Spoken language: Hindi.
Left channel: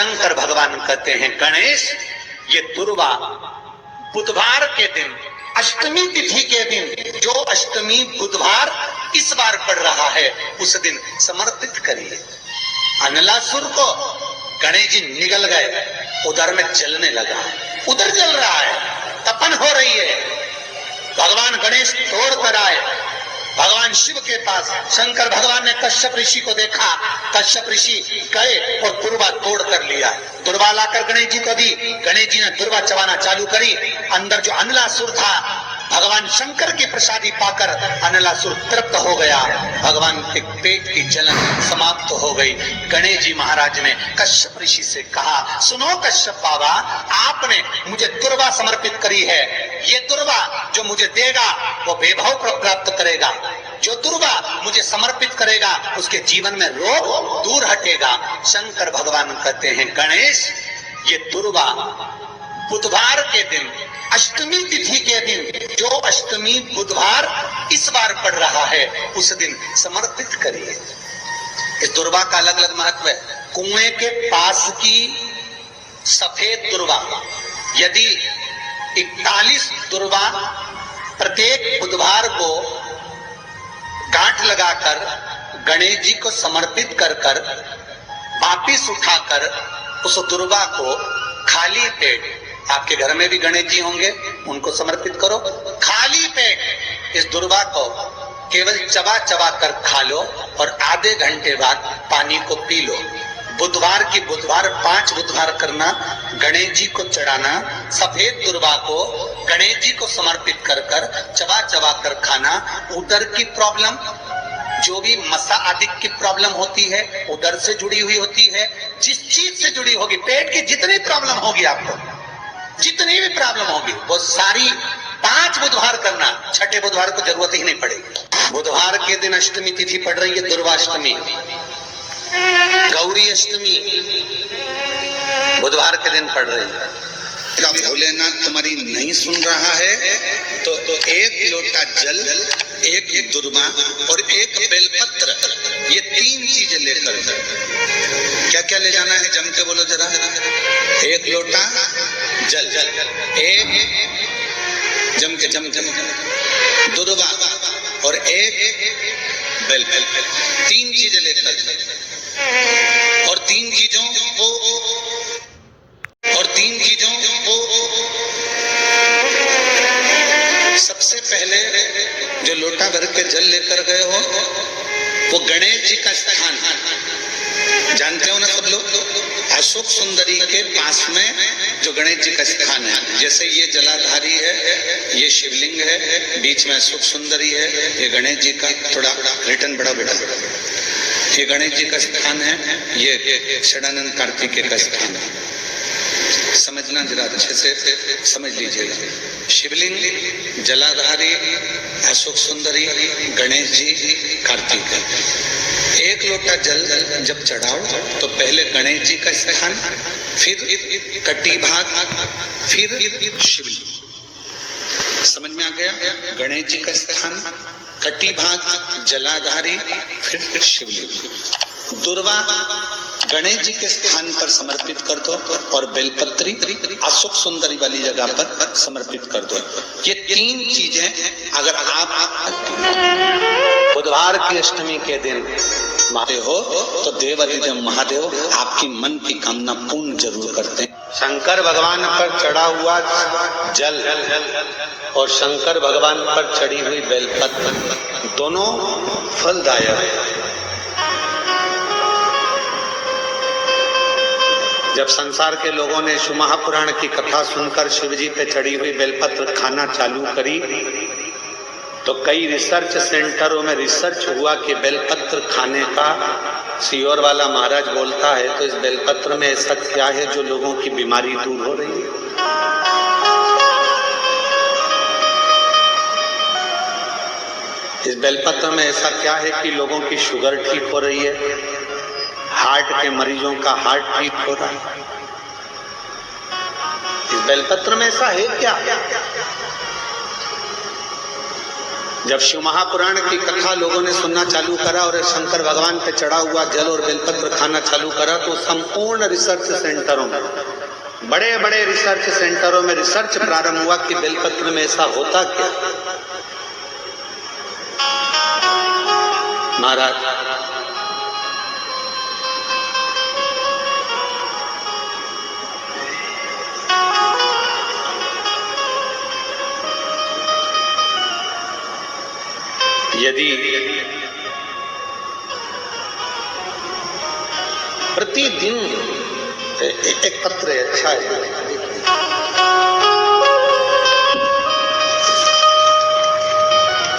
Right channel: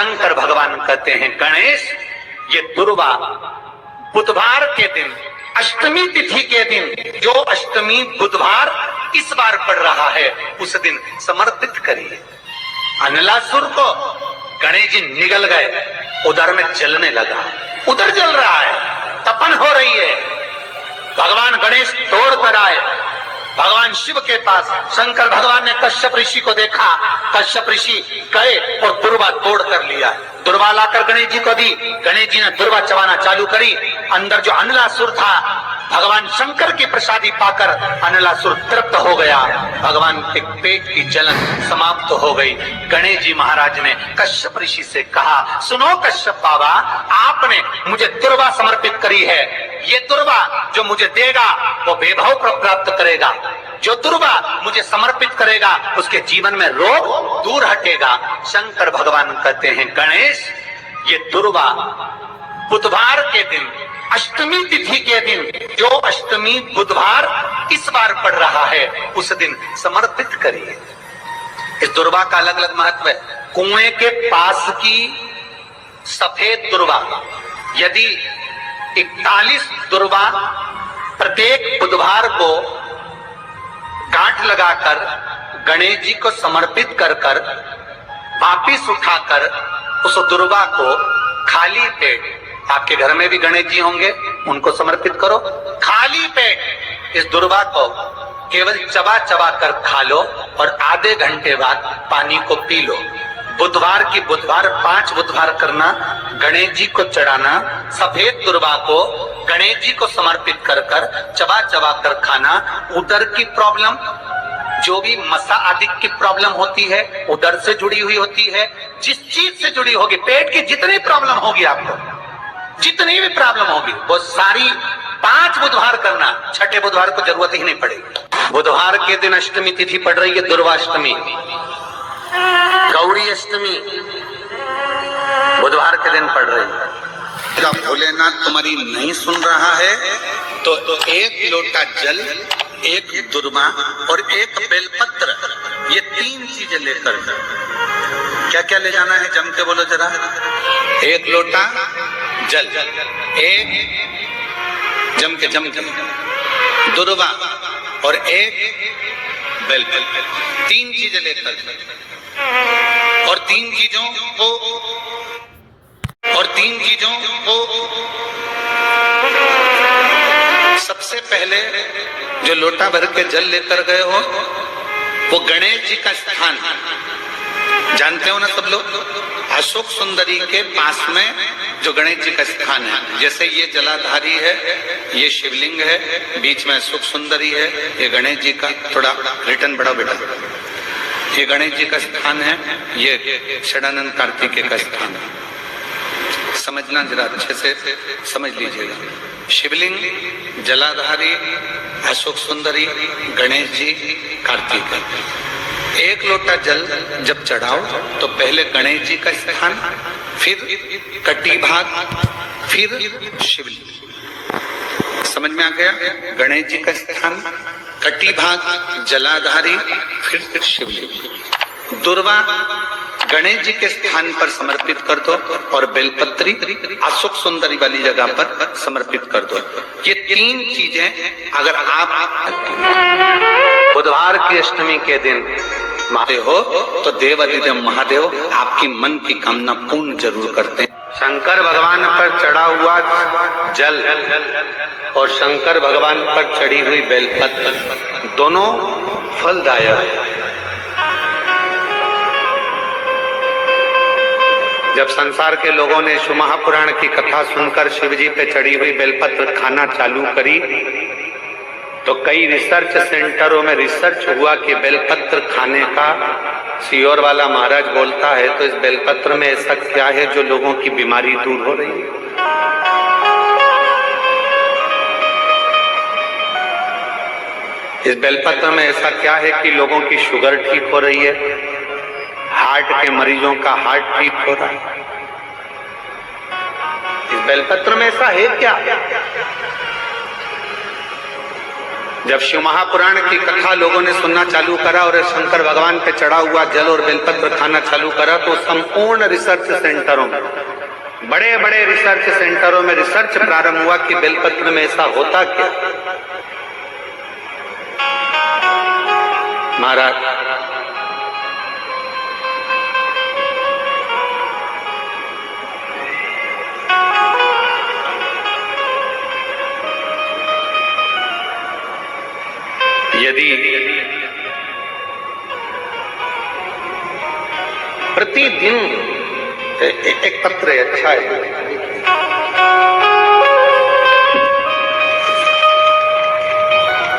शंकर भगवान कहते हैं गणेश, ये दुर्वा बुधवार के दिन, अष्टमी तिथि के दिन, जो अष्टमी बुधवार इस बार पड़ रहा है, उस दिन समर्पित करिए। अनलासुर को गणेश जी निगल गए, उधर में जलने लगा, उधर जल रहा है, तपन हो रही है। भगवान गणेश तोड़ कर आए भगवान शिव के पास। शंकर भगवान ने कश्यप ऋषि को देखा, कश्यप ऋषि गए और दुर्वा तोड़ कर लिया। दुर्वा लाकर गणेश जी को दी, गणेश जी ने दुर्वा चबाना चालू करी। अंदर जो अनलासुर था, भगवान शंकर की प्रसादी पाकर अनलासुर तृप्त हो गया, भगवान के पेट की जलन समाप्त हो गई। गणेश जी महाराज ने कश्यप ऋषि से कहा, सुनो कश्यप बाबा, आपने मुझे दुर्वा समर्पित करी है, ये दुर्वा जो मुझे देगा वो वैभव प्राप्त करेगा, जो दुर्वा मुझे समर्पित करेगा उसके जीवन में रोग दूर हटेगा। शंकर भगवान कहते हैं गणेश, ये दुर्वा बुधवार के दिन, अष्टमी तिथि के दिन, जो अष्टमी बुधवार इस बार पड़ रहा है, उस दिन समर्पित करिए। इस दुर्वा का अलग अलग महत्व है। कुएं के पास की सफेद दुर्वा, यदि 41 दुर्वा प्रत्येक बुधवार को गांठ लगाकर गणेश जी को समर्पित कर कर वापिस उठाकर उस दुर्वा को खाली पेट, आपके घर में भी गणेश जी होंगे, उनको समर्पित करो, खाली पेट इस दुर्वा को केवल चबा चबा कर खा लो और आधे घंटे बाद पानी को पी लो। बुधवार की बुधवार 5 बुधवार करना, गणेश जी को चढ़ाना, सफेद दुर्वा को गणेश जी को समर्पित कर कर चबा चबा कर खाना। उदर की प्रॉब्लम, जो भी मसा आदि की प्रॉब्लम होती है, उदर से जुड़ी हुई होती है, जिस चीज से जुड़ी होगी, पेट की जितनी प्रॉब्लम होगी, आपको जितनी भी प्रॉब्लम होगी, वो सारी 5 बुधवार करना, छठे बुधवार को जरूरत ही नहीं पड़ेगी। बुधवार के दिन अष्टमी तिथि पड़ रही है, दुर्वाष्टमी, गौरी अष्टमी बुधवार के दिन पड़ रही है। भोलेनाथ तुम्हारी नहीं सुन रहा है तो 1 लोटा जल, 1 दुर्वा और 1 बेलपत्र, ये 3 चीजें लेकर, क्या क्या ले जाना है जम के बोलो जरा। 1 लोटा जल, 1 जम के दुर्वा और 1 बेलपत्र, 3 चीजें लेकर, और 3 चीजों को सबसे पहले जो लोटा भर के जल लेकर गए हो, वो गणेश जी का स्थान जानते हो ना सब लोग, अशोक सुंदरी के पास में जो गणेश जी का स्थान है। जैसे ये जलाधारी है, ये शिवलिंग है, बीच में अशोक सुंदरी है, ये गणेश जी का, थोड़ा रिटर्न बड़ा बेटा, ये गणेश जी का स्थान है, ये षडानंद कार्तिकेय का स्थान है। समझना जरा अच्छे से समझ लीजिएगा। शिवलिंग, जलाधारी, अशोक सुंदरी, गणेश जी, कार्तिक। 1 लोटा जल जब चढ़ाओ तो पहले गणेश जी का स्थान, फिर कटी भाग, फिर शिवलिंग। समझ में आ गया? गणेश जी का स्थान, कटी भाग, जलाधारी, फिर शिवलिंग। दुर्वा गणेश जी के स्थान पर समर्पित कर दो और बेलपत्री अशोक सुंदरी वाली जगह पर समर्पित कर दो। ये 3 चीजें अगर आप बुधवार की अष्टमी के दिन महादेव हो तो देवाधिदेव महादेव आपकी मन की कामना पूर्ण जरूर करते हैं। शंकर भगवान पर चढ़ा हुआ जल और शंकर भगवान पर चढ़ी हुई बेलपत्र दोनों फलदायक है। जब संसार के लोगों ने शिव महापुराण की कथा सुनकर शिवजी पे चढ़ी हुई बेलपत्र खाना चालू करी तो कई रिसर्च सेंटरों में रिसर्च हुआ कि बेलपत्र खाने का सियोर वाला महाराज बोलता है तो इस बेलपत्र में ऐसा क्या है जो लोगों की बीमारी दूर हो रही है। इस बेलपत्र में ऐसा क्या है कि लोगों की शुगर ठीक हो रही है, हार्ट के मरीजों का हार्ट ठीक हो रहा है। इस बेलपत्र में ऐसा है क्या? जब शिव महापुराण की कथा लोगों ने सुनना चालू करा और शंकर भगवान पे चढ़ा हुआ जल और बेलपत्र खाना चालू करा, तो संपूर्ण रिसर्च सेंटरों में, बड़े बड़े रिसर्च सेंटरों में रिसर्च प्रारंभ हुआ कि बेलपत्र में ऐसा होता क्या। महाराज यदि प्रतिदिन एक पत्र अच्छा है,